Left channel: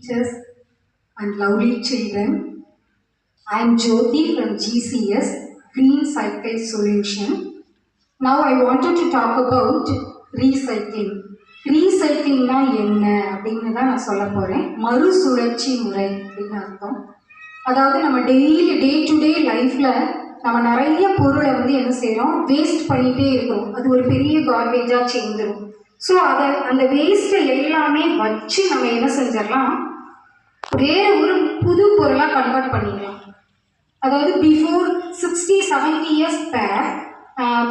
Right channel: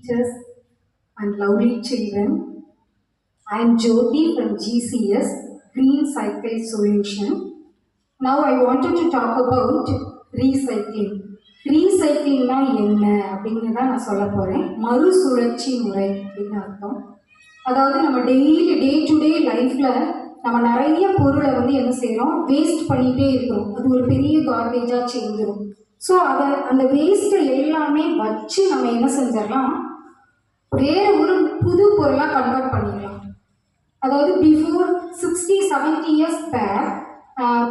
Teachers and lovely children. I am Jyoti from GCS, Green Cycle Solution. Now I wanted to talk about recycling. ரீசைக்கிளிங்னா என்ன அப்படின்னு தான் நான் சொல்ல போகிறேன். மறுசுழற்சி முறை அப்படின்னு அர்த்தம். அதாவது நம்ம டெய்லி டே டு டே லைஃப்பில் நம்ம நிறைய பொருளை வந்து என்ன செய்கிறோம், வேஸ்ட் பண்ணிகிட்டே இருக்கிறோம். அது ஒரு பெரிய கார்பேஜாக சேர்ந்துடும். ஸோ அந்த வேஸ்ட்டை எல்லாமே வச்சு நம்ம என்ன செஞ்சிடலாம், வேறு ஒரு புது பொருளாக கன்வெர்ட் பண்ணிடலாம். அதாவது before 60-70 years back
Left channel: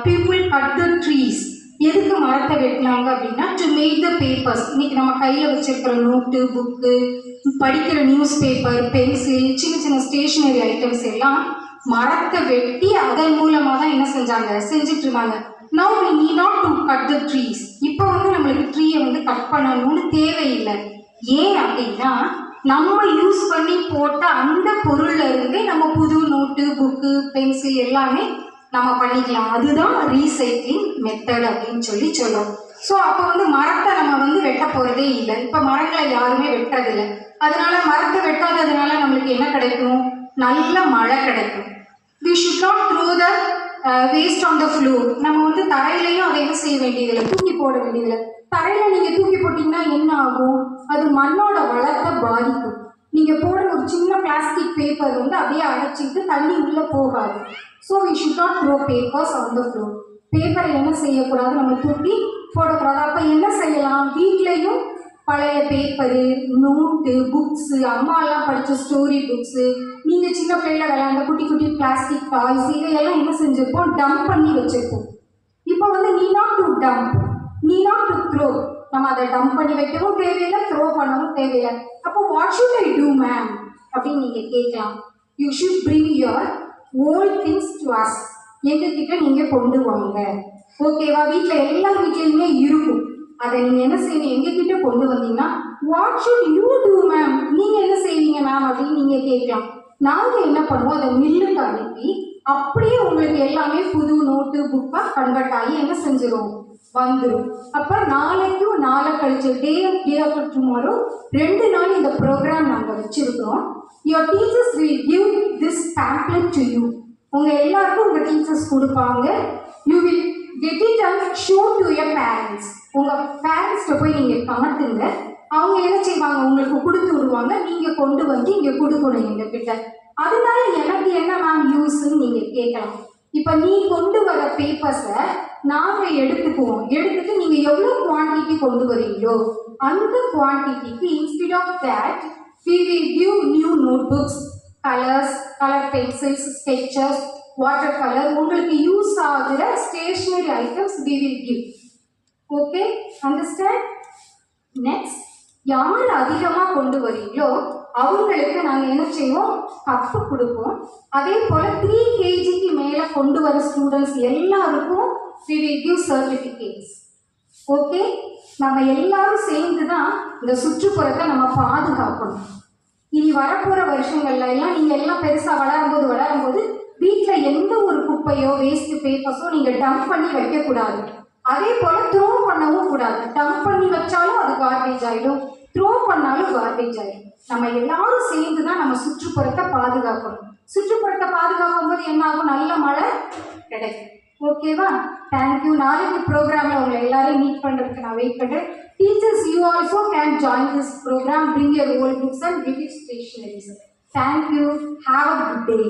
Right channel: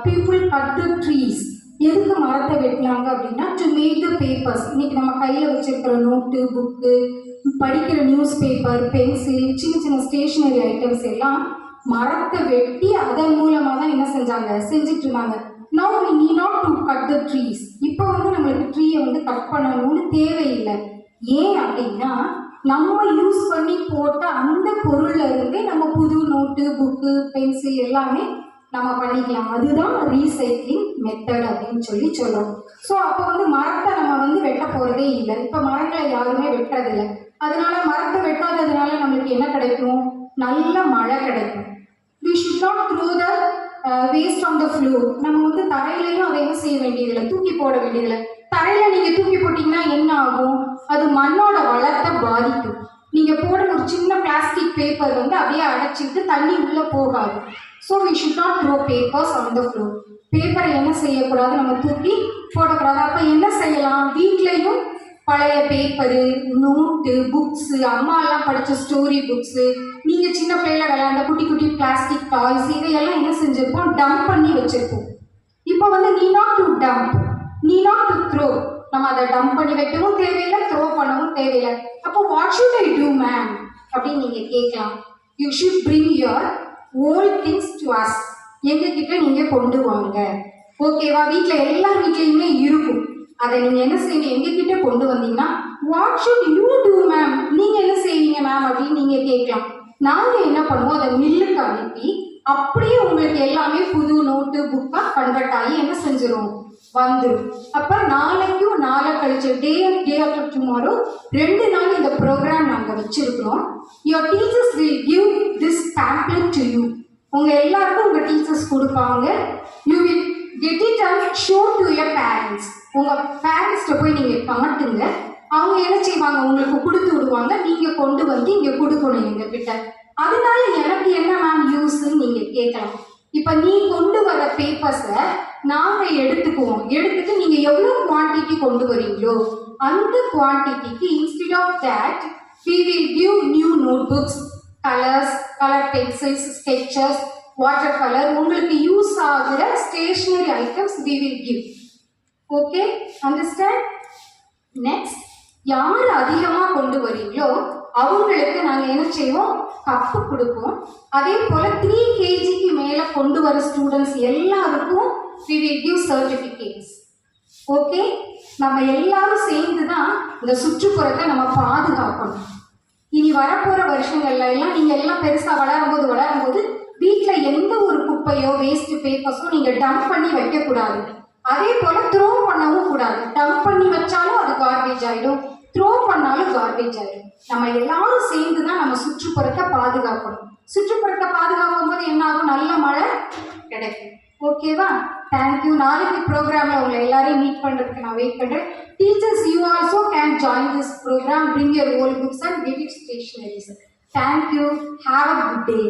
people cut the trees. எதுக்கு மரத்தை வெட்டினாங்க அப்படின்னா, டு மேக் த பேப்பர்ஸ். இன்னைக்கு நம்ம கையில் வச்சிருக்கிற நோட்டு, புக்கு, படிக்கிற நியூஸ் பேப்பர், பென்சில், சின்ன சின்ன ஸ்டேஷனரி ஐட்டம்ஸ் எல்லாம் மரத்தை வெட்டி அதன் மூலமாக தான் என்ன செஞ்சுட்டு இருந்தாங்க. Now we need not to cut the trees. இப்போ வந்து நம்மளுக்கு ட்ரீயை வந்து கட் பண்ணணும்னு தேவையில்லை. ஏன் அப்படின்னா, நம்ம யூஸ் பண்ணி போட்ட அந்த பொருள்ல இருந்து நம்ம புது நோட்டு, புக்கு, பென்சில் எல்லாமே நம்ம பண்ணிக்கலாம். அதுதான் ரீசைக்ளிங் மெத்தட் அப்படின்னு சொல்லுவோம். ஸோ அப்போ வந்து மரத்தை நம்ம வந்து வெட்ட போறதே இல்லை. இப்போ மரங்களை யாருமே வெட்டுறதில்லை. அதனால மரத்தை வெட்டாததுனால நம்மளுக்கு என்ன கிடைக்கும், நல்ல மழை கிடைக்கும். We should not throw the waste on the floor. நம்ம வந்து தரையிலையும் அதை என்ன செய்ய வேண்டியதில்லை, தூக்கி போட வேண்டியதில்லை. தரையில நீங்க தூக்கி போட்டீங்கன்னா என்ன ஆகும், அது மண்ணோட வளத்தை பாதிக்கும். நீங்க போடுற ஒரு சின்ன பிளாஸ்டிக் பேப்பர் வந்து அப்படியே அடைச்சிட்டு தண்ணி உள்ள போகாது. So we should not throw papers on the floor. பேப்பரை என்ன செய்யக்கூடாது, நம்ம தூக்கி போடக்கூடாது. அப்போ என்ன செய்யலாம், வீட்லையும் பழைய பேப்பரு, நோட்டு, புக்ஸு, அம்மா எல்லாம் படித்த ஸ்டோரி புக்ஸு, நீங்கள் சின்ன பிள்ளைல விளையாண்ட குட்டி குட்டி பிளாஸ்டிக் டாய்ஸ், இதையெல்லாம் என்ன செஞ்சுருப்போம், டம்ப் பண்ணி வச்சுருப்போம். இப்போ வந்து நீ நாட் டு டம்ப், நீ நாட் டு த்ரோ. நம்ம அதை டம்ப் பண்ணி வைக்கவும் தேவையில்லை, த்ரோ பண்ணவும் தேவையில்லை. அப்போ what should I do ma'am அப்படின்னு நீங்கள் கேட்கலாம். You should bring your old things to us. எங்ககிட்ட நீங்கள் கொண்டு வாங்க. ஓகேவா? வீட்டில் எல்லா வீட்லேயுமே இருக்கும். அதை நீங்கள் என்ன செய்வீங்க, எங்ககிட்ட கொண்டு வந்தீங்கன்னா, what should you do ma'am, நீங்கள் என்ன செய்வீங்க மேம் அப்படின்னு நீங்கள் கேட்கலாம். நாங்கள் என்ன பண்ணுவோம், அதை மில்லுக்கு அனுப்பி அப்படியே உங்களுக்கு எல்லாமே புது நோட்டு, புக்காக கன்வெர்ட் ஆகி என்ன செஞ்சிடும், வந்துடும். அப்போ நாளைக்கும் நாளை கழிச்சு டே ஆஃப்டர் டுமாரோ 2 நாள் இந்த ப்ரோக்ராம் நாங்கள் வச்சிருக்கிறோம். Your teachers will give this pamphlet to you. உங்கள் எல்லாருக்கும் உங்கள் டீச்சர்ஸ் கொடுப்பாங்க. You will get it and show to your parents. உங்கள் பேரண்ட்ஸ்கிட்ட போய் நீங்கள் காட்டுங்க. அவங்க என்ன செய்வாங்க, உங்களுக்கு கொடுத்து விடுவாங்க. நீங்கள் கொண்டு வந்து இங்கே கொடுக்கணும் எங்ககிட்ட. அதனால எனக்கு என்ன மேம் யூஸ்ன்னு நீங்கள் கேட்கலாம். இப்போ நீ கொண்டு வர பேப்பர்ஸை நாங்கள் எடுத்துக்குவோம். எடுத்துட்டு நீங்கள் எவ்வளோ குவான்டிட்டி கொண்டு வரீங்களோ அந்த குவான்டிட்டிக்கு instead of that we will give new notebooks, colors, color pencils, sketches, water colour, உங்களுக்கு யூஸ் ஆகிற stationery items we will give. Okay, understand? Next, யார் அதிகமாக கொண்டு வரீங்களோ அவங்களுக்கு நாங்கள் என்ன செய்வோம், கப்பு கொடுப்போம். அதே போல் 3 kgக்கு மேலே கொண்டு வர ஸ்டூடெண்ட்ஸ் எல்லாருக்கும் we will give certificates. Okay, நம்ம எல்லாரும் சேர்ந்து தான் இந்த சுற்றுப்புறத்தை நம்ம பாதுகாக்கணும். இனி வரப்போகிற வருஷங்கள்ல எல்லாம் நீங்கள் எல்லாம் பெருசாக வளரும்போது வீட்டில் எந்த ஒரு குப்பையோ வேஸ்ட் பேப்பர்ஸோ நீங்கள் டம்ப் பண்ணி வைக்கக்கூடாது. அதே போல் த்ரோ பண்ணவும் கூடாது. டம்ப் பண்ணி வச்சாலும் அது கார்பேஜ் ஆகிடும், த்ரோ பண்ணாலும் கார்பேஜ் ஆகிடும். நம்ம எல்லாரும் சேர்ந்து தான் நம்ம சுற்றுப்புறத்தை பாதுகாக்கணும். சுற்றுப்புறத்தை பாதுகாக்கும் போது என்ன ஆகும், நல்ல மழை கிடைக்கும். ஓகேவா? தேங்க்யூ. நாளைக்கு ப்ரோக்ராமில் உங்களை எல்லாரையும் மீட் பண்ணுறதுக்கு நான் வெயிட் பண்ணுறேன். Teachers, you also can join this program. Bring your old books and get it stationery. Thank you. Have a good day.